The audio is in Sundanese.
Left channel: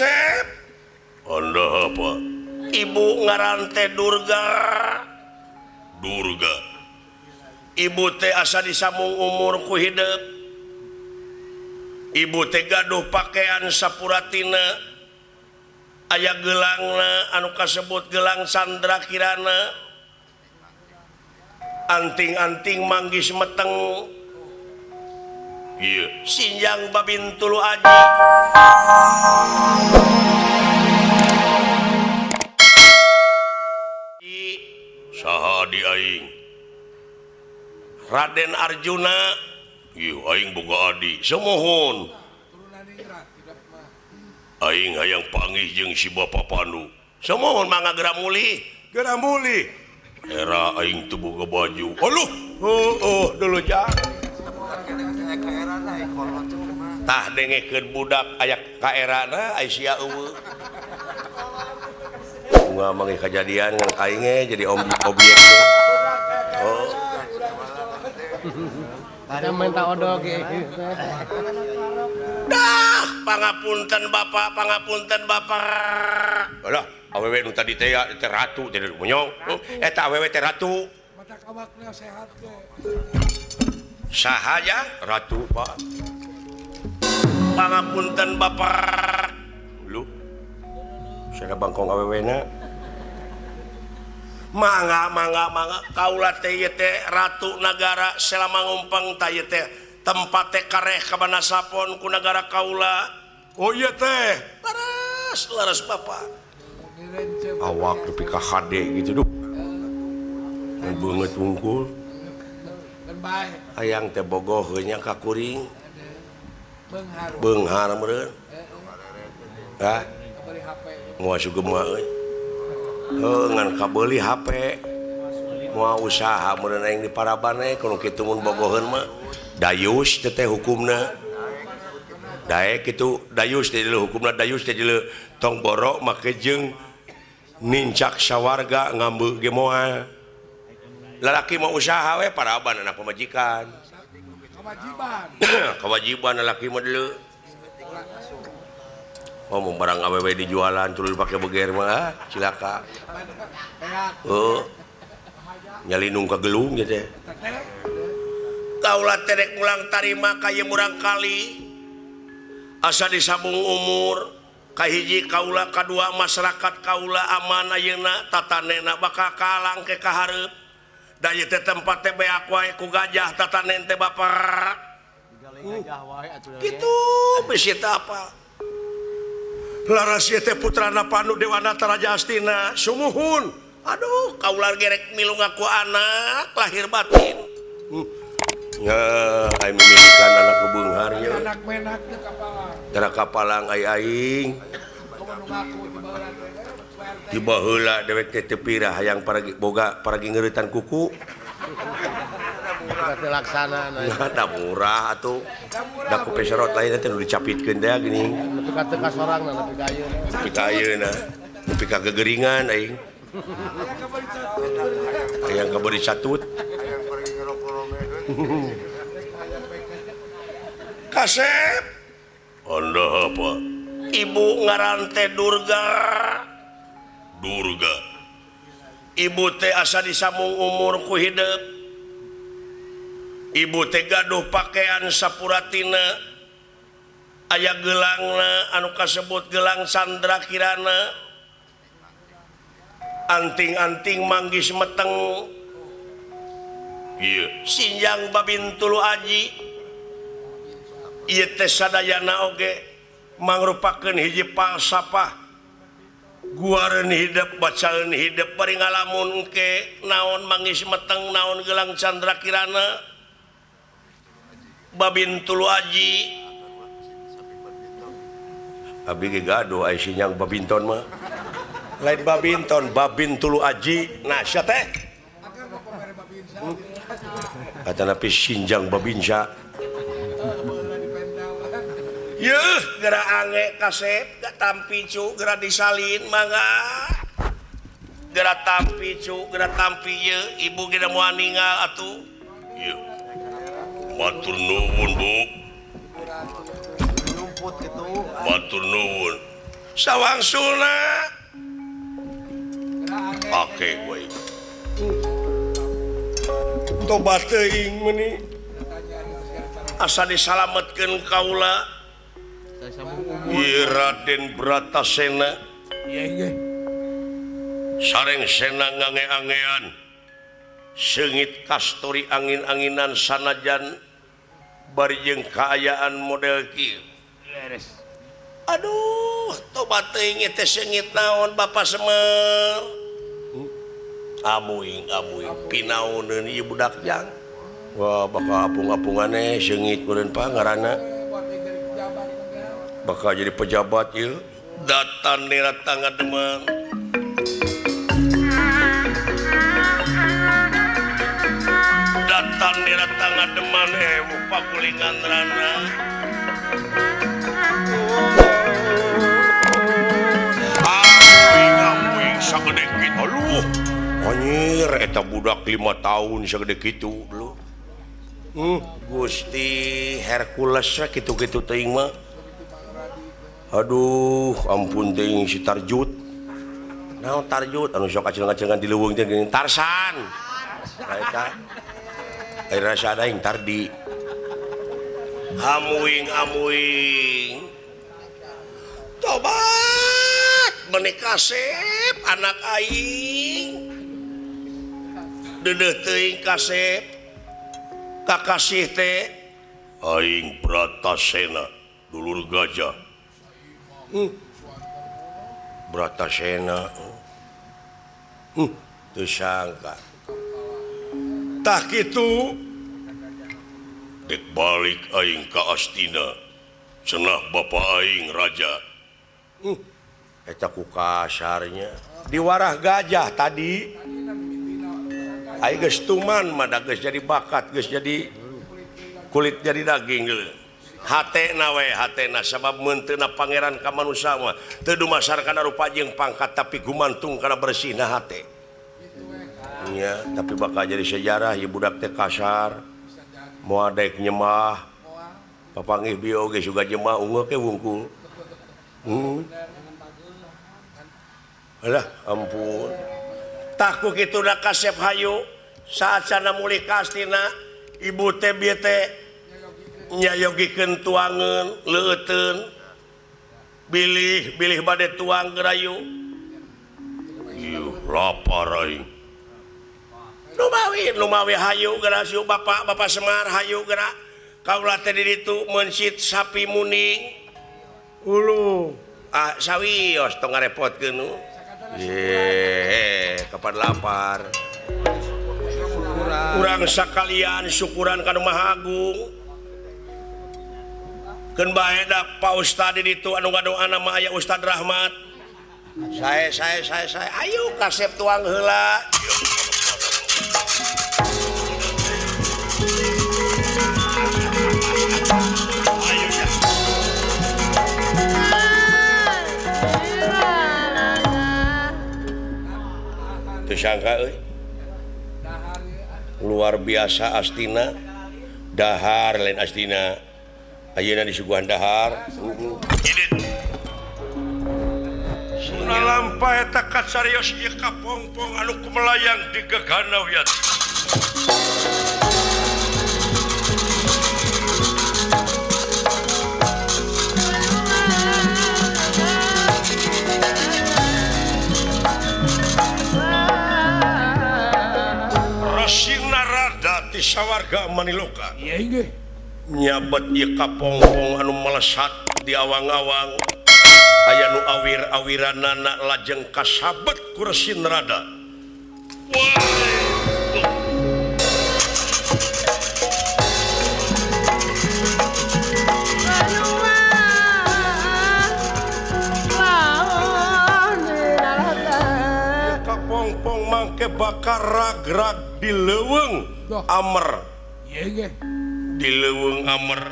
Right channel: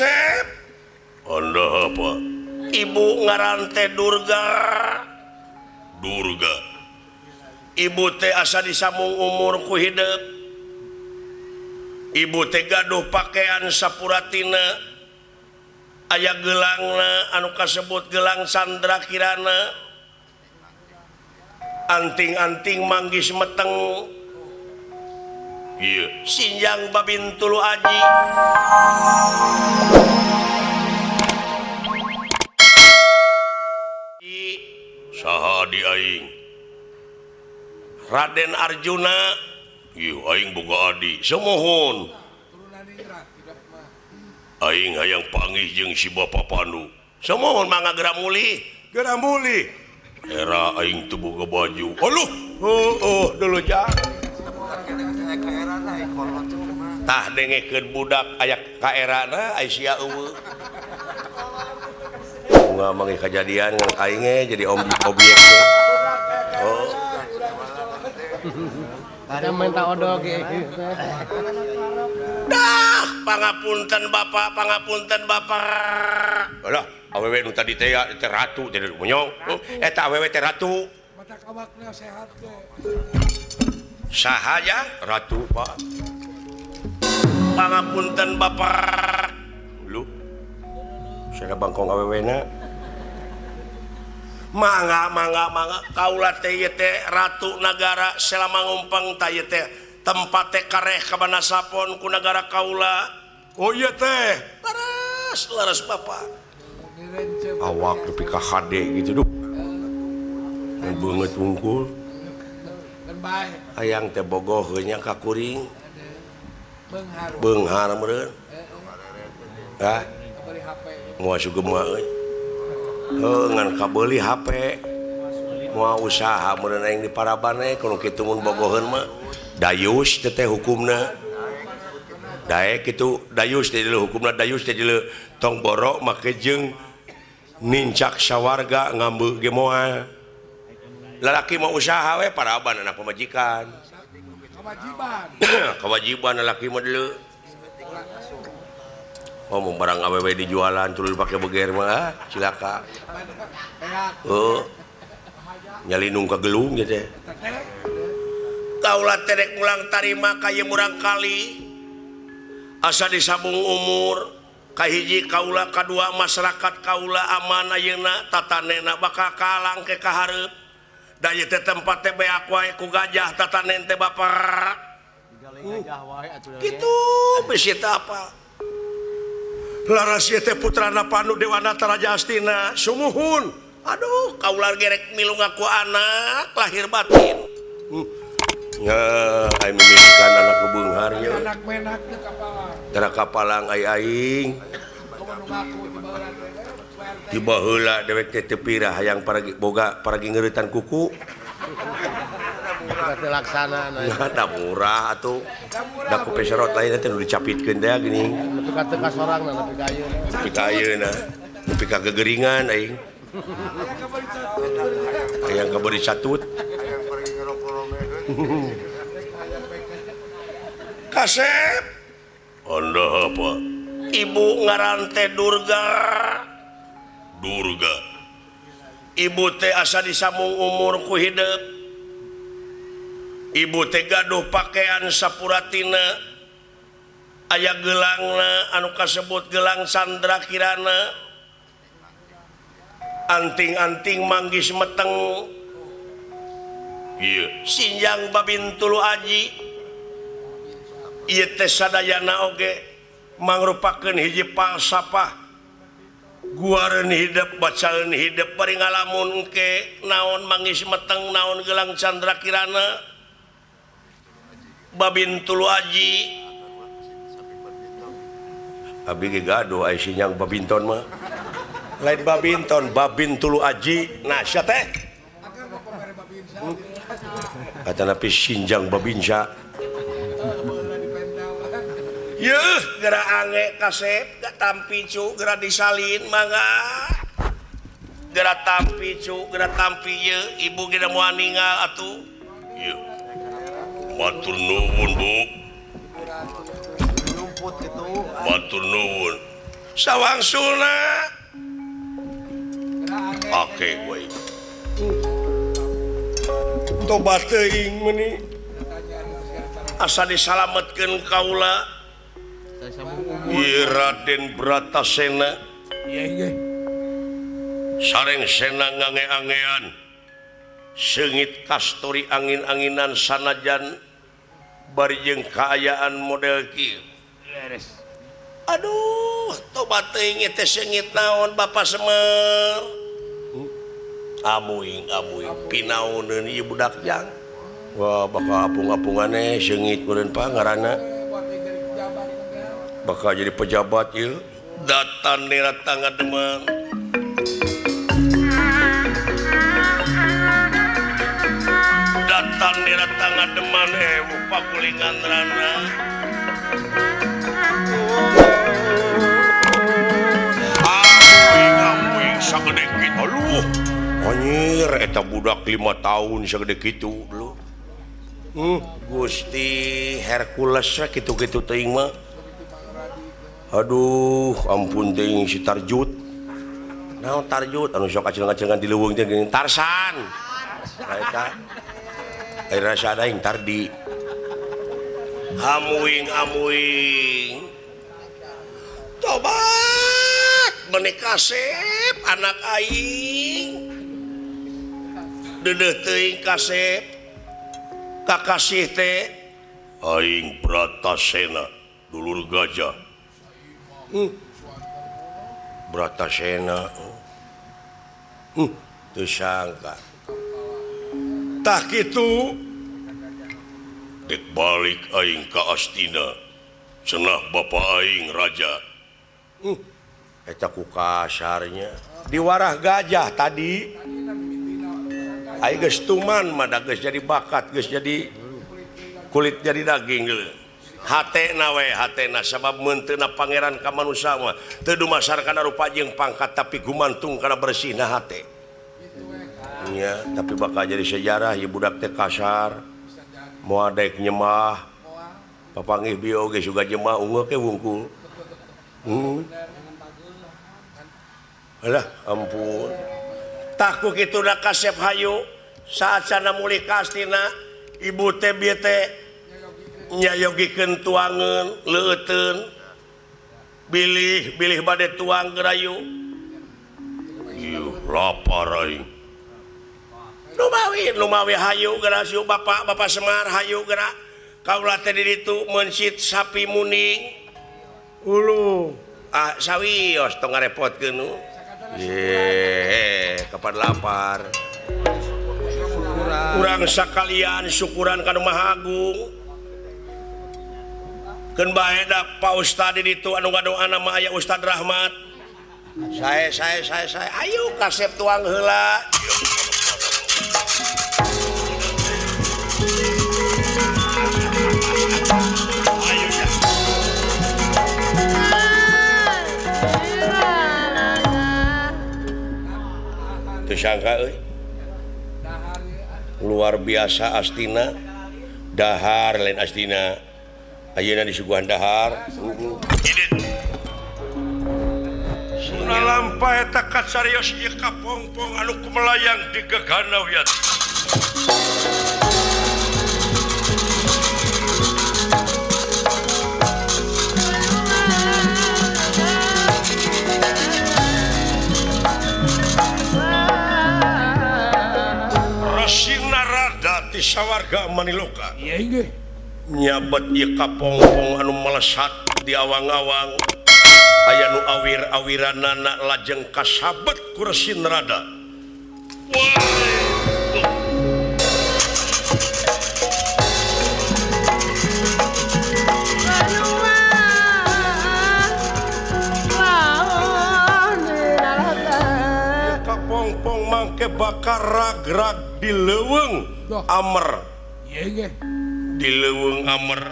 Kasep Anda apa? Ibu ngarante Durga. Durga. Ibu teh asa disambung umur ku hidup. Ibu teh gaduh pakaian sapuratina. Aya gelangna anu kasebut gelang Sandra Kirana. Anting-anting manggis meteng. Iya, sinjang babin tulu aji. Saha di aing? Raden Arjuna. Ih, aing boga adi. Semohon. Aing hayang panggih jeung si Bapa Pandu. Semohon mangga geura muli. Geura muli. Era aing teu boga baju. Aluh. Dulu ja. Tah dengekeun budak aya ka erana ai sia eueuh. Mangga kejadian aing jadi om kopi. Oh. Ada minta odog Pangapunten Bapak. Alah, awewe nu tadi teh ratu jadi munyong. Eta awewe teh ratu. Saha ya? Ratu, Pak. Pangapunten Bapak. Lu. Sada bangkong awewena. Mangga. Kaula teh teh ratu nagara selama ngumpang tah teh tempat teh kareh kabana sapon ku nagara kaula. Oh iya teh. Laras Bapak. Awak nepi ka HD gitu duh. Banget unggul. Hayang teh bogoh nya ka kuring. Beunghar meureun. Hah? Moal sugema euy. Ngan kabeuli HP. Moal usaha meureun aing di Paraban kudu kitu mun bogoheun mah. Dayus teh hukumna. Daek itu dayus teh hukumna dayus teh tong borok make jeung nincak sawarga ngambeu ge moal. Lalaki mau usaha we Paraban anak pemajikan. Kewajiban lalaki mah deuleu. Ngomong barang awewe dijualan tuluy pake beger mah cilaka. Nyalinung ka gelung ge teh. Kaula teh rek mulang tarima ka ieu murang kali. Asa disambung umur kahiji kaula kadua masyarakat kaula aman ayeuna tatanena bakal kalang ke kahareup. Daya teh tempat teh beak wae ku gajah tatanen teh Bapak. Kitu bisi teh apa? Laras ieu teh putrana Pandu Dewanata Raja Astina. Sumuhun. Aduh, kaula gerek milu ngaku anak lahir batin. Aing beunghar nya. Tara kapalang aing. Tiba heula dewek teh teu pirah hayang paragi boga paragi ngeuretan kuku. laksana da murah atuh. Da ku peserot lain teh nu dicapitkeun teh gini. teka sorangna nepi ka ayeuna. Nepi ka ayeuna. Nepi ka gegeringan aing. Hayang kabeureut satut. Kasep. Anda apa? Ibu ngarante Durga. Durga. Ibu teh asa disambung umur ku hidup. Ibu teh gaduh pakaian sapuratina. Aya gelangna anu kasebut gelang Sandra Kirana. Anting-anting manggis meteng. Iya, sinjang babin tulu aji. Ieu teh sadayana oge mangrupakeun hiji falsafah guareun hidup bacaeun hidup bari ngalamun ke naon manggis meteng naon gelang Chandra Kirana babin tulu aji abi ge gaduh aya sinjang babinton mah lain babinton babin tulu aji nah sia teh atana pi sinjang babinsa. Yeuh, geura ange Kasep, gak tampi cu, geura disalin mangga. Geura tampi cu, geura tampi yeuh, ibu kita moal ninggal atuh. Yeuh. Matur nuwun, Bu. Matur nuwun. tiasa disalametkeun kaula ieu Raden Bratasena sareng sena ngange-angean seungit kastori angin-anginan sanajan bari jeung kaayaan model kieu. Aduh, tobat teuing teh seungit naon Bapak Semar. Amuing pinauneun ieu budak jang. Wah, bakal apung-apungane seungit meureun pangaranna. Bakal jadi pejabat ieu. Datan nira tangga deman. Datan nira tangga deman upa kulingan rana. Sagede kitu lu. Anjir eta budak 5 tahun sagede kitu lu. Gusti Hercules kitu-kitu teuing mah. Aduh, ampun teuing si Tarjut. Naon Tarjut anu sok kacil-kacilan di leuweung teh geuning Tarsan. Eta. Ayeuna sadaing Tardi. Hamuing. Tobat menikah sep anak aing. Deudeuh teuing kasep. Kakasih teh aing Bratasena dulur gajah. Bratasena. Teu sangka. Tah kitu dek balik aing ka Astina. Cenah bapa aing raja. Eta ku kasarnya. Di warah gajah tadi. Aing geus tuman mada geus jadi bakat, geus jadi kulit jadi daging geuleuh. Hatena sabab menteuna pangeran ka manusia mah teu dumasar kana rupa jeung pangkat tapi gumantung kana bersihna hate. Nya, tapi bakal jadi sejarah ieu budak teh kasar. Moal daek nyemah. Papanggih bieu ge suga nyemah ungeuk ke wungkul. Alah, ampun. Takut itu dah kasep hayu saat sana muli kastina ibu teh bieu teh nyayogikeun tuangeun leuteun bilih bade tuang gerayu ieu lapar aing lumawi hayu geura siu bapak Semar hayu geura kaula teh di ditu meunsit sapi muning ulu sawios tong ngarepotkeun nu kapan lapar kurang sakalian syukuran kana Maha Agung keun bae da Pak Ustad di ditu anu ngadoana mah aya Ustad Rahmat saya ayo kasep tuang heula sangka luar biasa Astina dahar lain Astina ayeuna di suguhan dahar suna lampah eta kacarios ieu kapompong anu kumelayang di gegana wiat sawarga maniloka nyabat ieu kapompong anu melesat di awang-awang aya nu awir-awiranana lajeng kasabet ku Resi Narada. Kapompong mangke bakar rag-rag di leuweung Amer di leuweung Amer